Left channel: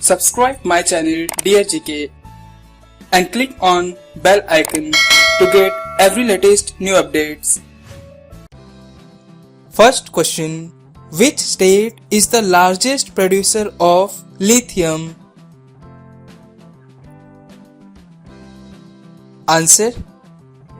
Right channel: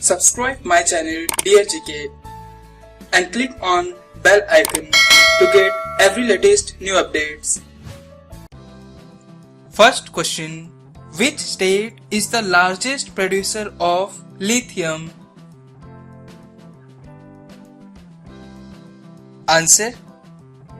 Subscribe my channel Dear GK and click on bell icon to get every latest new updates. First question. Which state is the largest producer of lithium? Answer.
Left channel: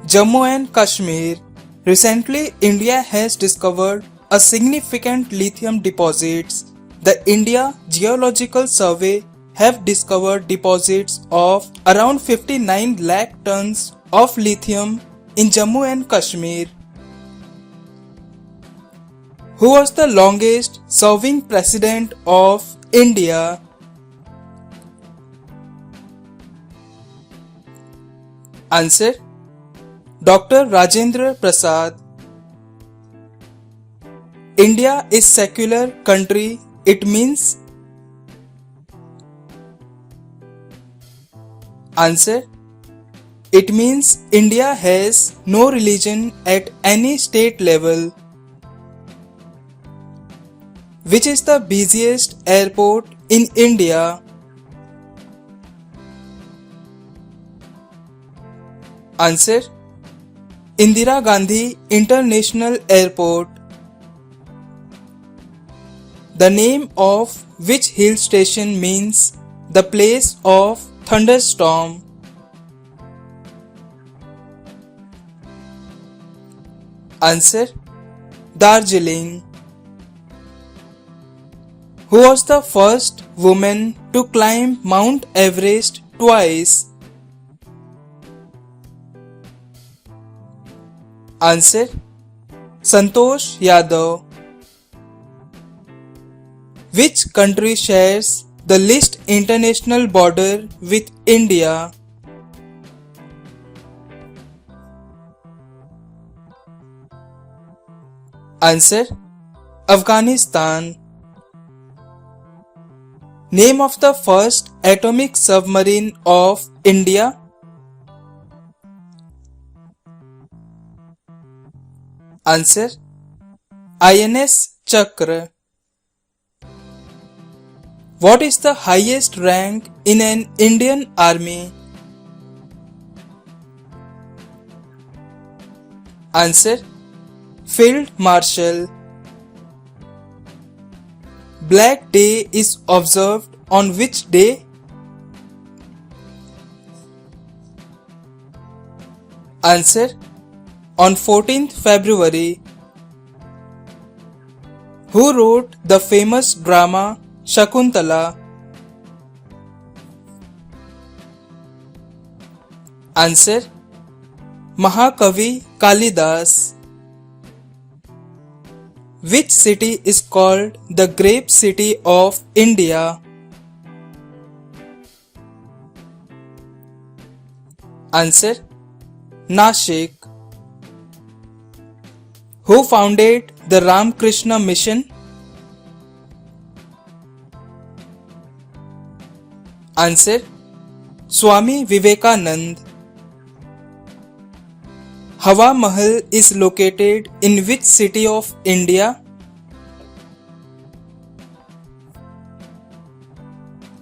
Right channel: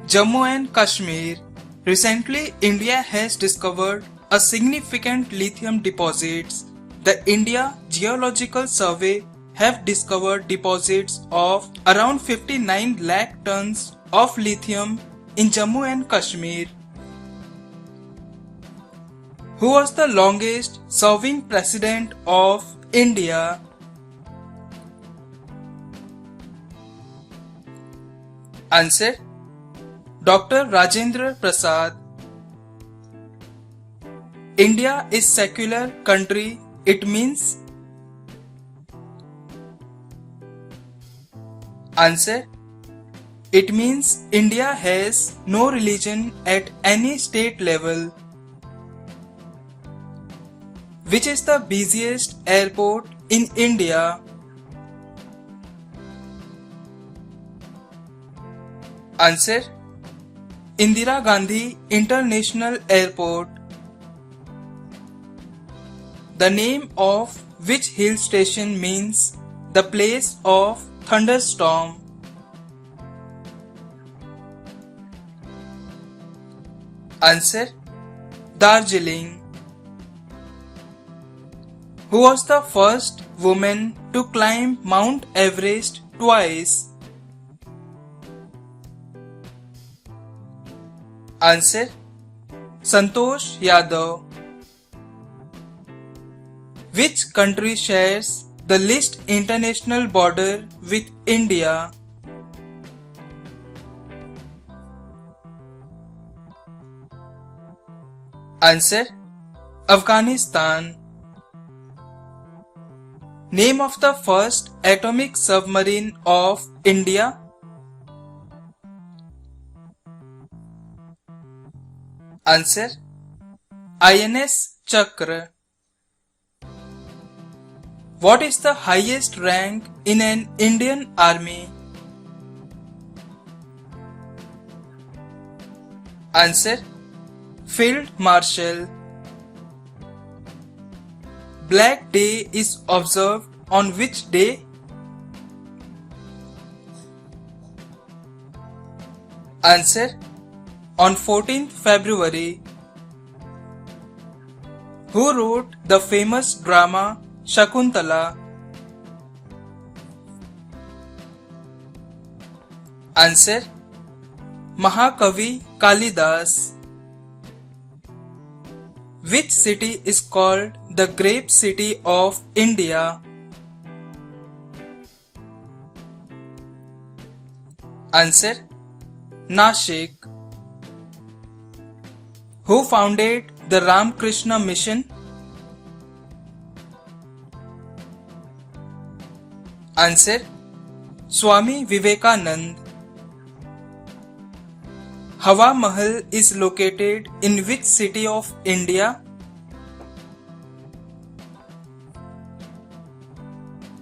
Jammu and Kashmir. Recently, India has discovered a significant lithium deposits. The India Geological Survey have discovered deposits of around 59 lakh tons of lithium in Jammu and Kashmir. Who was the longest serving president of India? Answer. Dr. Rajendra Prasad. India is secular country. It means? Answer. It means India has no religion at any state level. Which is the busiest airport in India? Answer. Indira Gandhi International Airport. The name of which hill station means the place of thunderstorm? Answer. Darjeeling. Who was the first woman to climb Mount Everest twice? Answer. Santosh Yadav. Which country shares the least international border with India? Answer. Afghanistan. Name of the first atomic submarine of India? Answer. INS Chakra. What is the highest rank in an Indian army? Answer. Field Marshal. Black Day is observed on which day? Answer. On 14th February. Who wrote the famous drama Shakuntala? Answer. Mahakavi Kalidas. Which city is called the Grape City of India? Answer. Nashik. Who founded the Ramakrishna Mission? Answer. Swami Vivekanand. Hawa Mahal is located in which city of India?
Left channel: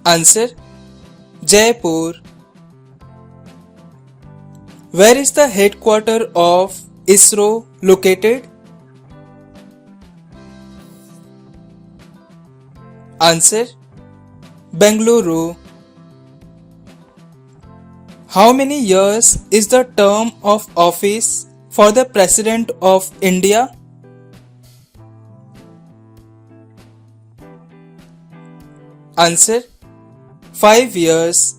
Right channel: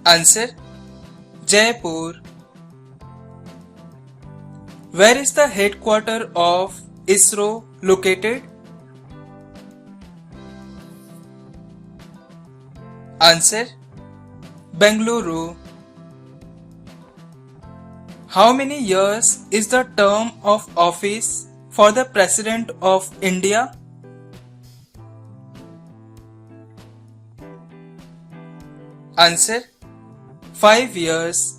Answer. Jaipur. Where is the headquarters of ISRO located? Answer. Bengaluru. How many years is the term of office for the President of India? Answer. 5 years.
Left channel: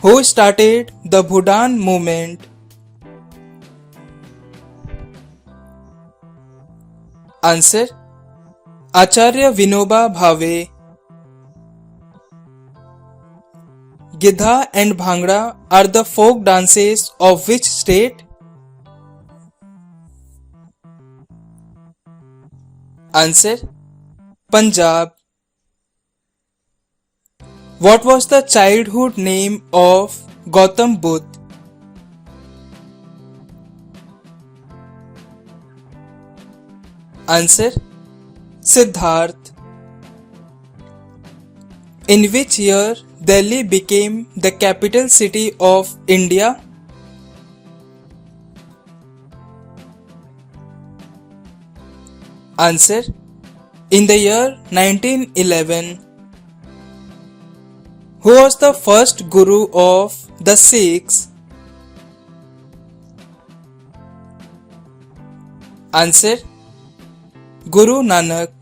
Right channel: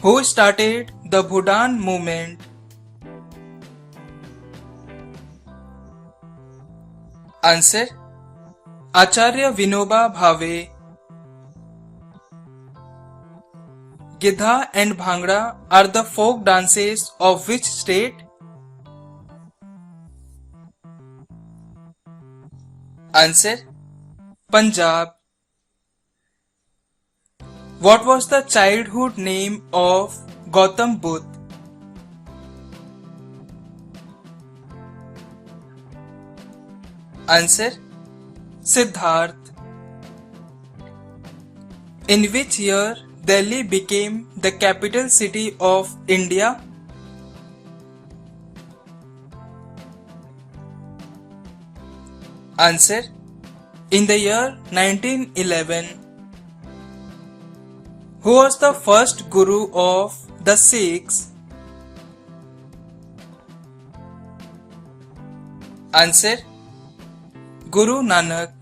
Who started the Bhudan movement? Answer. Acharya Vinoba Bhave. Gidha and Bhangra are the folk dances of which state? Answer. Punjab. What was the childhood name of Gautam Buddha? Answer. Siddharth. In which year Delhi became the capital city of India? Answer: in the year 1911. Who was the first Guru of the Sikhs? Answer: Guru Nanak.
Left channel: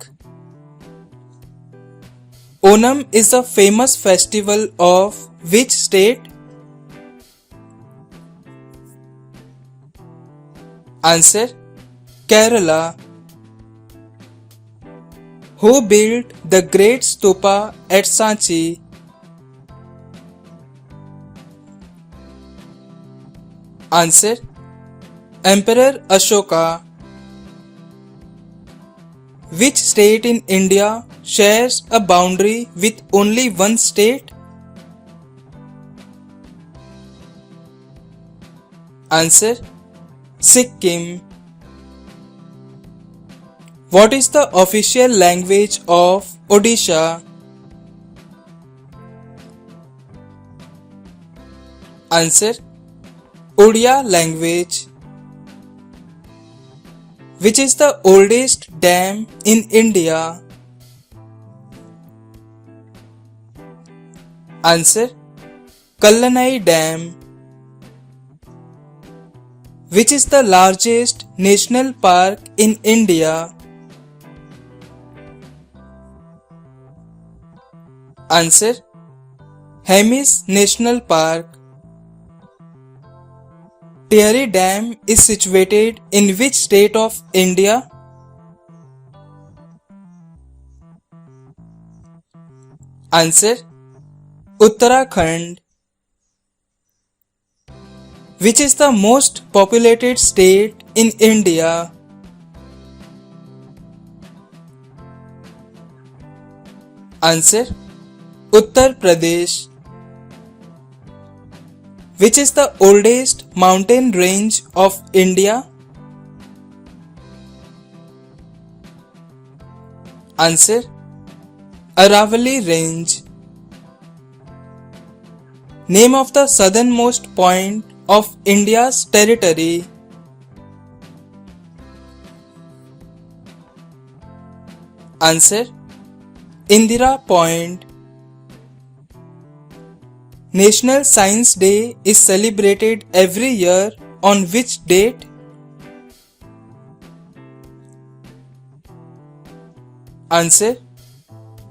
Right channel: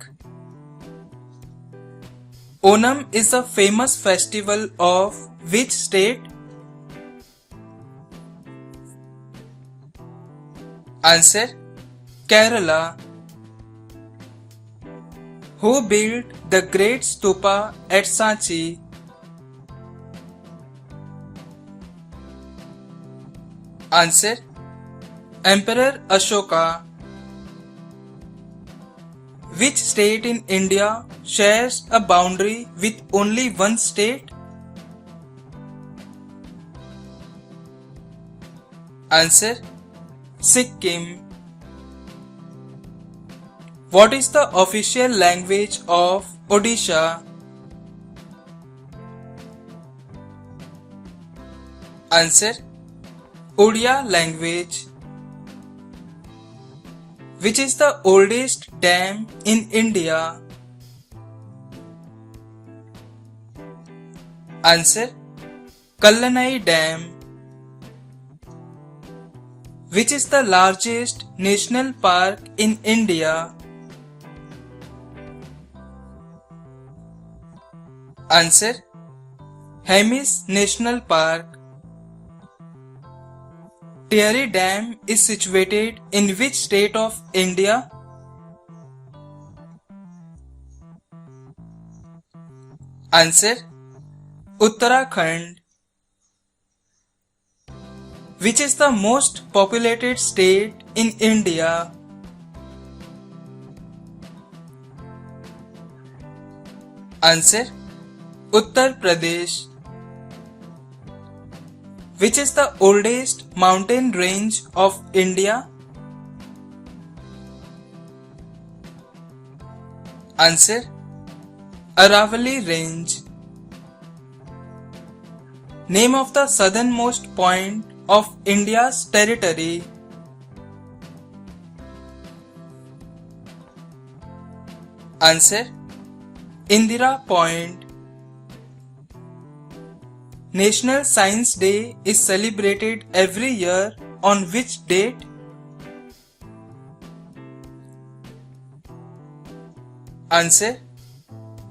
Onam is a famous festival of which state? Answer: Kerala. Who built the Great Stupa at Sanchi? Answer: Emperor Ashoka. Which state in India shares a boundary with only one state? Answer: Sikkim. What is the official language of Odisha? Answer: Odia language. Which is the oldest dam in India? Answer: Kallanai Dam. Which is the largest national park in India? Answer: Hemis National Park. Tehri Dam is situated in which state of India? Answer: Uttarakhand. Which is the most populated state in India? Answer: Uttar Pradesh. Which is the oldest mountain range of India? Answer: Aravalli Range. Name of the southernmost point of India's territory. Answer: Indira Point. National Science Day is celebrated every year on which date? Answer:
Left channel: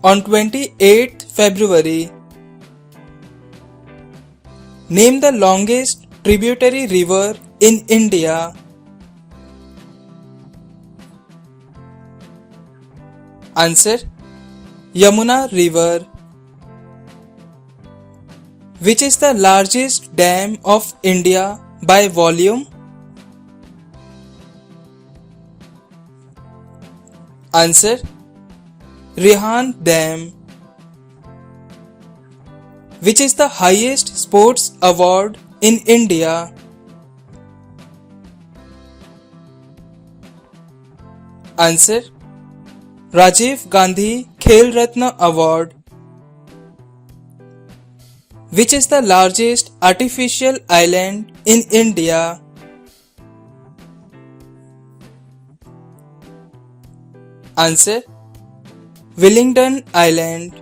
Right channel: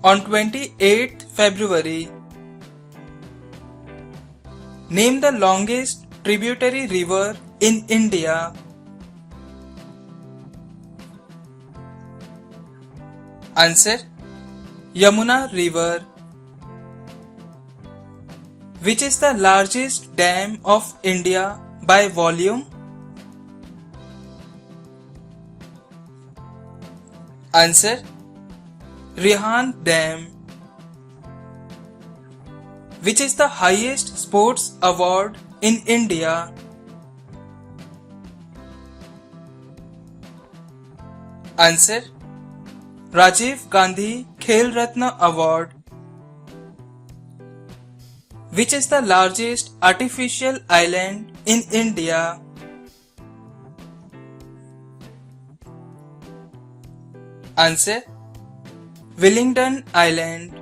on 28th February. Name the longest tributary river in India. Answer: Yamuna River. Which is the largest dam of India by volume? Answer: Rihan Dam. Which is the highest sports award in India? Answer: Rajiv Gandhi Khel Ratna Award. Which is the largest artificial island in India? Answer: Wellington Island.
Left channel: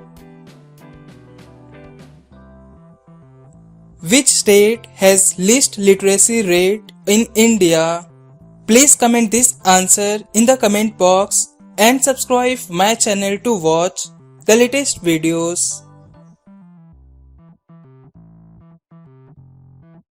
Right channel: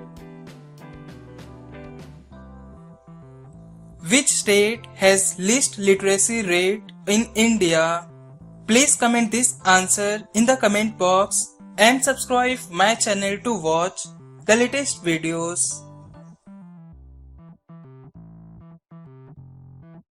Which state has least literacy rate in India? Please comment this answer in the comment box and subscribe my channel to watch the latest videos.